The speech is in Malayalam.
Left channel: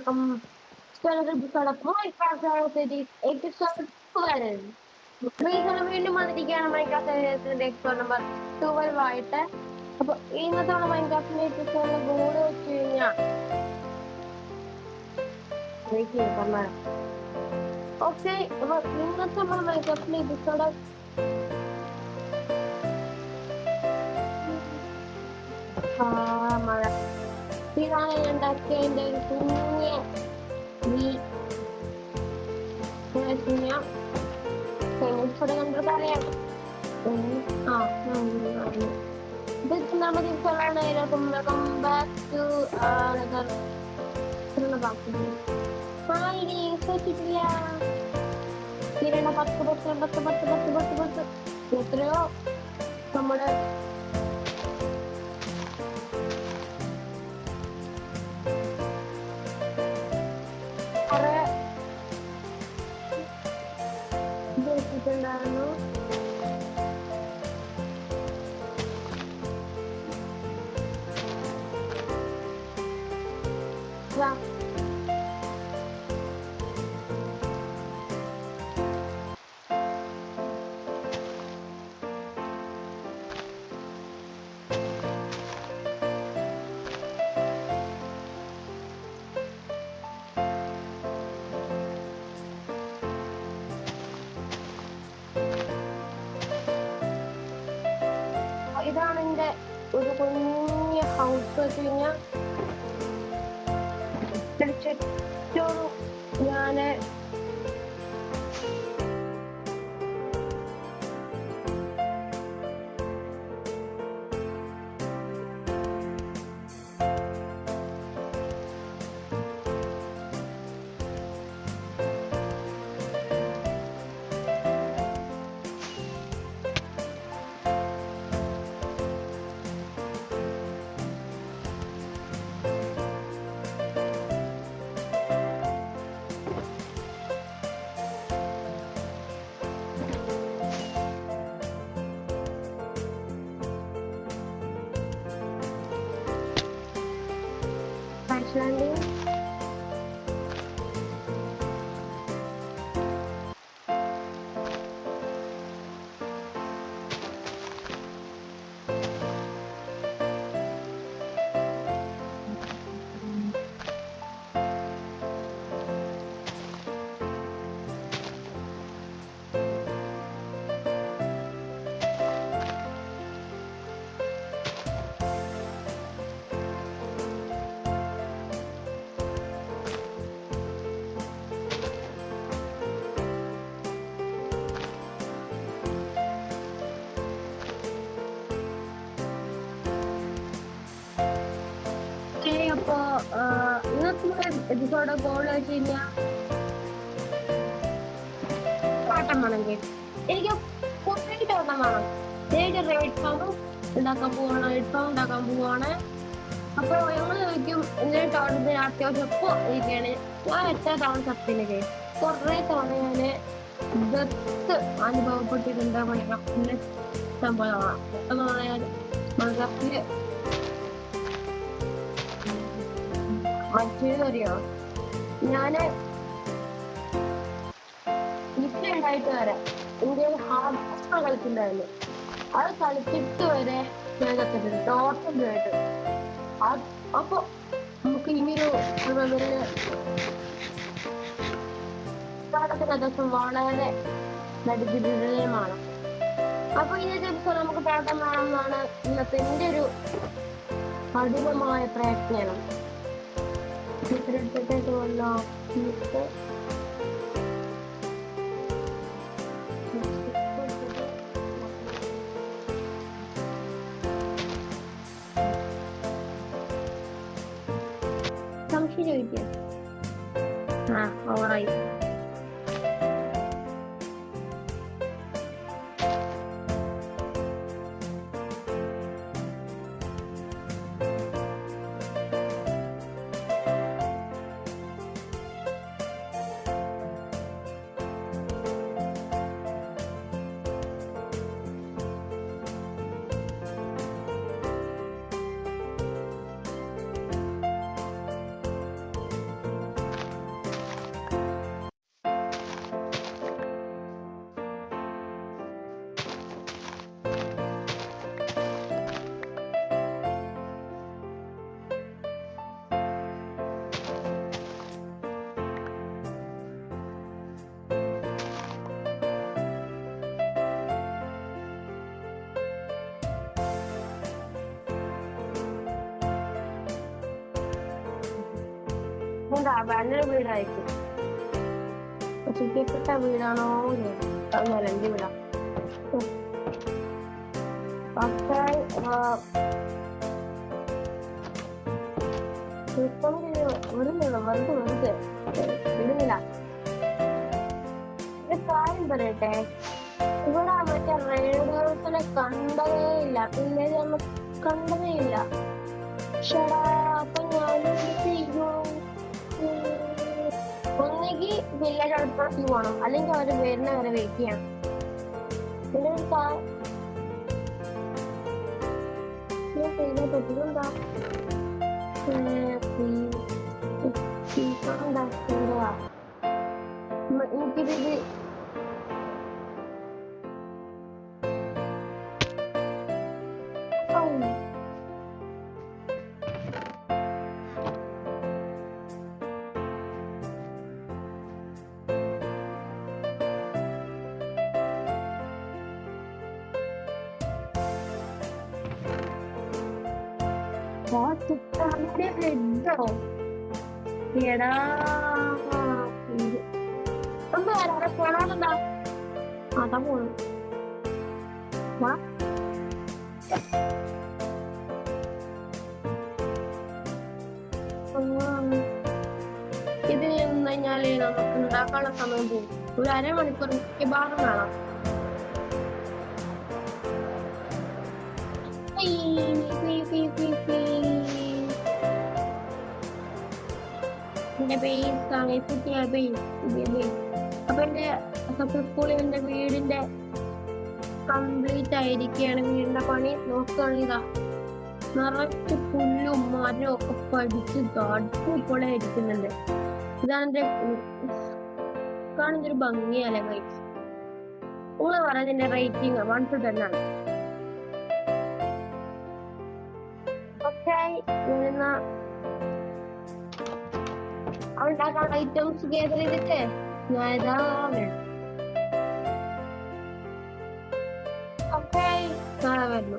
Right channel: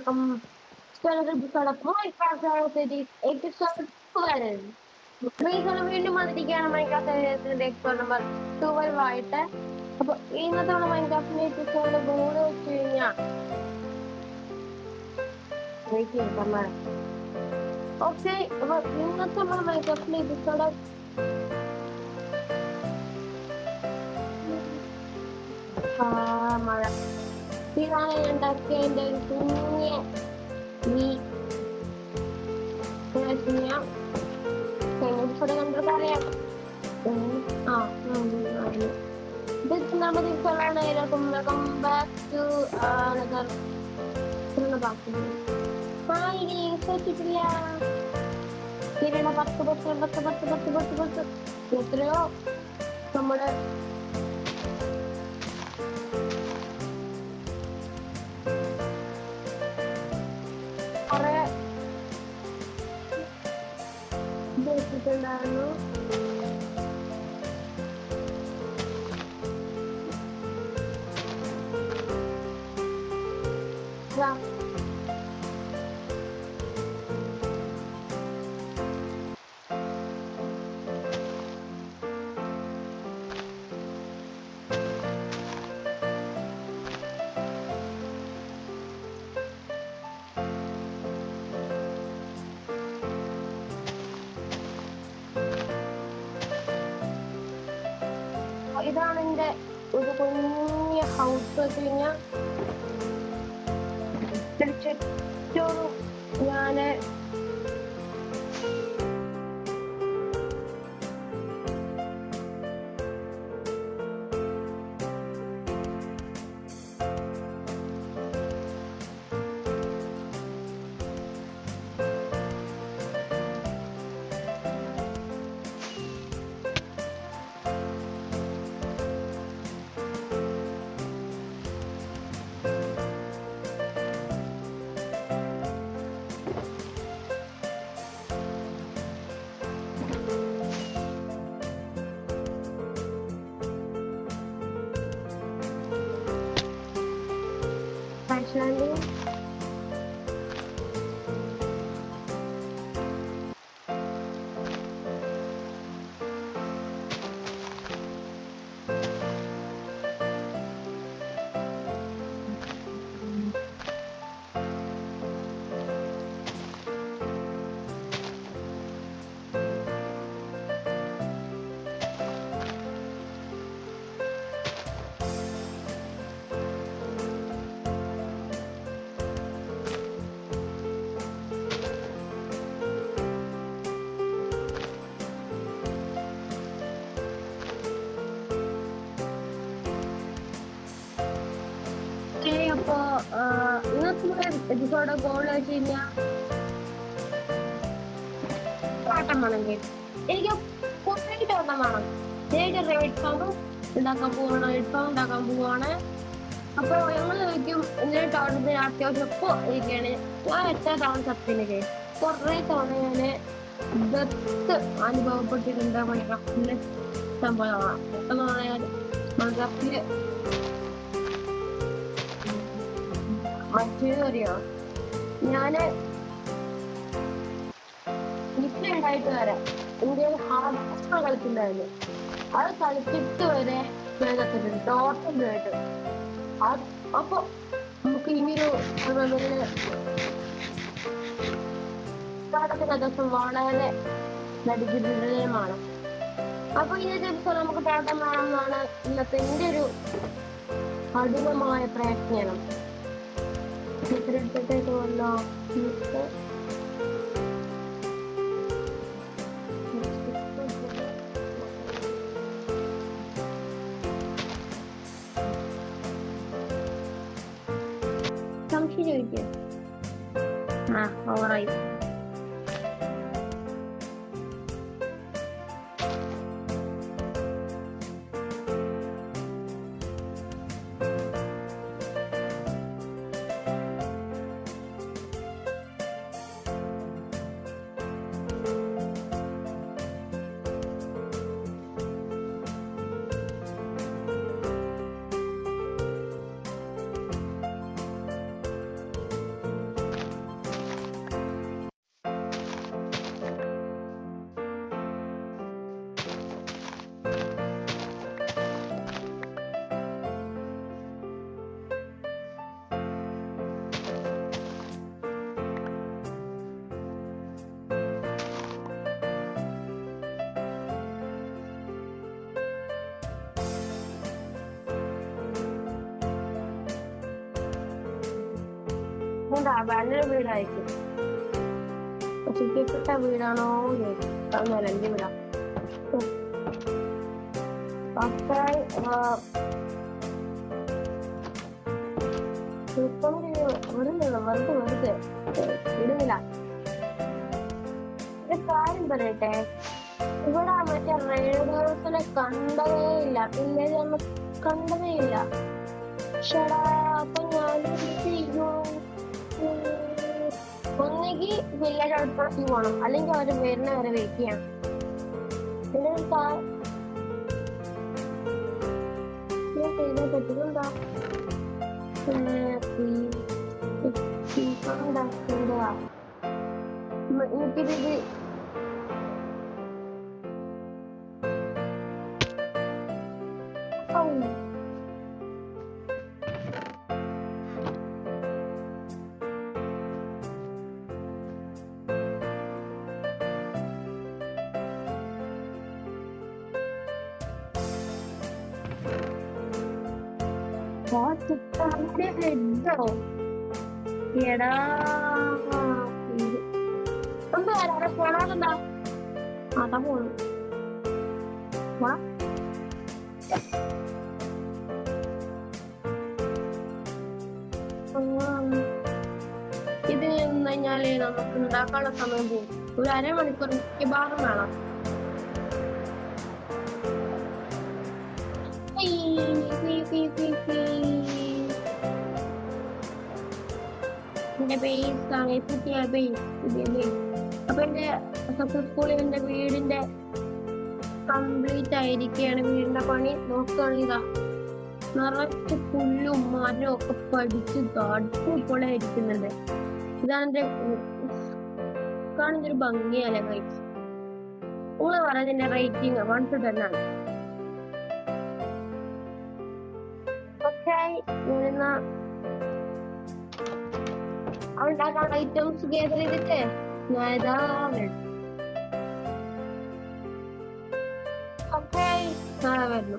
welcome to another episode of Minecraft Cities episode 12. വീണ്ടും വന്നിരിക്കുകയാണ് മൈൻക്രാഫ്റ്റ് എപ്പിസോഡ് നമ്പർ 12 ആയിട്ട്. അപ്പൊ ഇന്നത്തെ മൈൻക്രാഫ്റ്റിന്റെ എപ്പിസോഡിന്റെ ഗോള് വെച്ച് കഴിഞ്ഞാൽ ഓക്കെ. അപ്പൊ ഇന്നത്തെ മൈൻക്രാഫ്റ്റിന്റെ എപ്പിസോഡ് മഴ ഇതാണ് ഉണ്ടാക്കിയ എൻ്റെ ഒരു കുഞ്ഞ് ഇവിടെ കണ്ടിട്ട് അറിയാം. ഇത് നമ്മുടെ ദിവസമാണ്. വെൽക്കം ബാക്ക് ടു വെച്ചിട്ടില്ല. തീരണ 10 എത്രയോ നമ്മുടെ കുറെ വെച്ചിട്ടുണ്ടായിരുന്നു. ഇതാണ് എന്റെ ഒരു കുഞ്ഞ് ഹൗസ് വെച്ച് കഴിഞ്ഞാൽ ചുറ്റോറും ഞാന് landing. അപ്പൊ ഇന്നത്തെ എപ്പിസോഡ് ഗോൾ വെച്ച് കഴിഞ്ഞാൽ പാട്ടം വേണം. എനിക്ക് കുറച്ചായിട്ട് ഒരെണ്ണം വേണം. ഞാൻ റെഡ് ഫാം ഉണ്ടാക്കാൻ പോവാണ്. അപ്പൊ ഞങ്ങൾ ചോദിക്കും എന്തിനാ ടൗണിന് അത്യാവശ്യം ഇപ്പൊ ഇരിക്കുകയാണ്. ഞാൻ എത്ര തവണ സത്യത്തിന് കുറെ തവണ ഞാന് ഡെത്ത് അനുഭവപ്പെട്ടിട്ടുണ്ട് മൈൻക്രാഫ്റ്റിന്റെ സംഭവമാണ്. പെട്ടെന്ന് പറഞ്ഞാൽ മൈൻക്രാഫ്റ്റില് മറ്റേതറിയോ, ഞാന് ഉണ്ടായിട്ട് വരെ ഇന്ത്യയിൽ ഹാർഡ് കളിച്ചിട്ടുണ്ടായിരുന്നു. അത് കളിച്ചിട്ട് വരെ ഞാൻ കത്തിട്ടുണ്ട് ടോട്ടലായിട്ട്. അപ്പൊ നമുക്ക് ഇനിയൊരു ലെവലില് ദിവസം വളരെ ദരിദ്രമാണ്. അപ്പൊ ഇന്നത്തെ ദിവസം നമുക്ക് പാട്ടം വേണമെന്നാണ് ഇന്നത്തെ എന്റെ ഒരു കഠിനമായ പ്രയത്നം. എടുത്തിട്ടേക്ക് വന്നോ സംശയം ചോദിക്കുക. ഓവറായി. എന്താ നല്ലൊരു വീടായിരിക്കും. നശിക്കപ്പെട്ട വീടാണോ അതൊന്നുമല്ല, എന്റെ വീടാ. വെറുതെ ഇടുന്നില്ല. ഒരു കാര്യം പറയട്ടെ, ഇവിടെ മറ്റേ റേഡിയോസിനെ കണ്ടതേ ഇല്ല, വില്ലേജ് നമ്മൾ കണ്ടതേ ഇല്ല. ഷടാ, അപ്പൊ ഞാനും ഒന്നെങ്കിൽ വില്ലേജ് അടുത്തേക്ക് പോകണം, അല്ലെങ്കിൽ അവര് വരുന്ന വരെ വെയിറ്റ് ചെയ്യണം. പിന്നെ ഒരു ചെയ്താൽ പറ്റുന്നുണ്ടോ? എനിക്കിത് ഹെഡോ എടാ പോണാലെന്താ അതാ പോണു. ഇത് നിന്ന് കഴിഞ്ഞാല് നമുക്ക് ഉണ്ടാക്കാനുള്ള സമയം പോകും. ഒരു അരമണിക്കൂർ മിക്കവാറും വേണം. എന്റെ ബേസ് ആണ് പുതിയ ബേസ്, പുതിയ ബേസ്. അപ്പൊ എന്റെ സക്സസ്ഫുള്ളി എന്റെ വീടിന്റെ കംപ്ലീറ്റ് ആയിരിക്കുകയാണ്. വീടിന്റെ പണി നോക്കുകയാണെങ്കിൽ ഇതാ നിറച്ച് പുല്ലും മരവും ഒക്കെ പഠിച്ച് അടിപൊളി ഇരിക്കുന്നുണ്ട്. ഇതാണ് എന്റെ കാണുന്ന ഒരു ഭംഗിയല്ലേ ഗൈസ്. നിങ്ങൾ പറയുന്നതിന്റെ റേറ്റിംഗ് 1 to 10 ആണ്. ഓക്കെ, ഞാനിന്ന ഉണ്ടാക്കാനുള്ള ഐറ്റംസ് ഗേദർ ചെയ്തിട്ട് ഞാൻ ഇതാ വരും. ഓക്കെ, നാളെ വരുന്നു.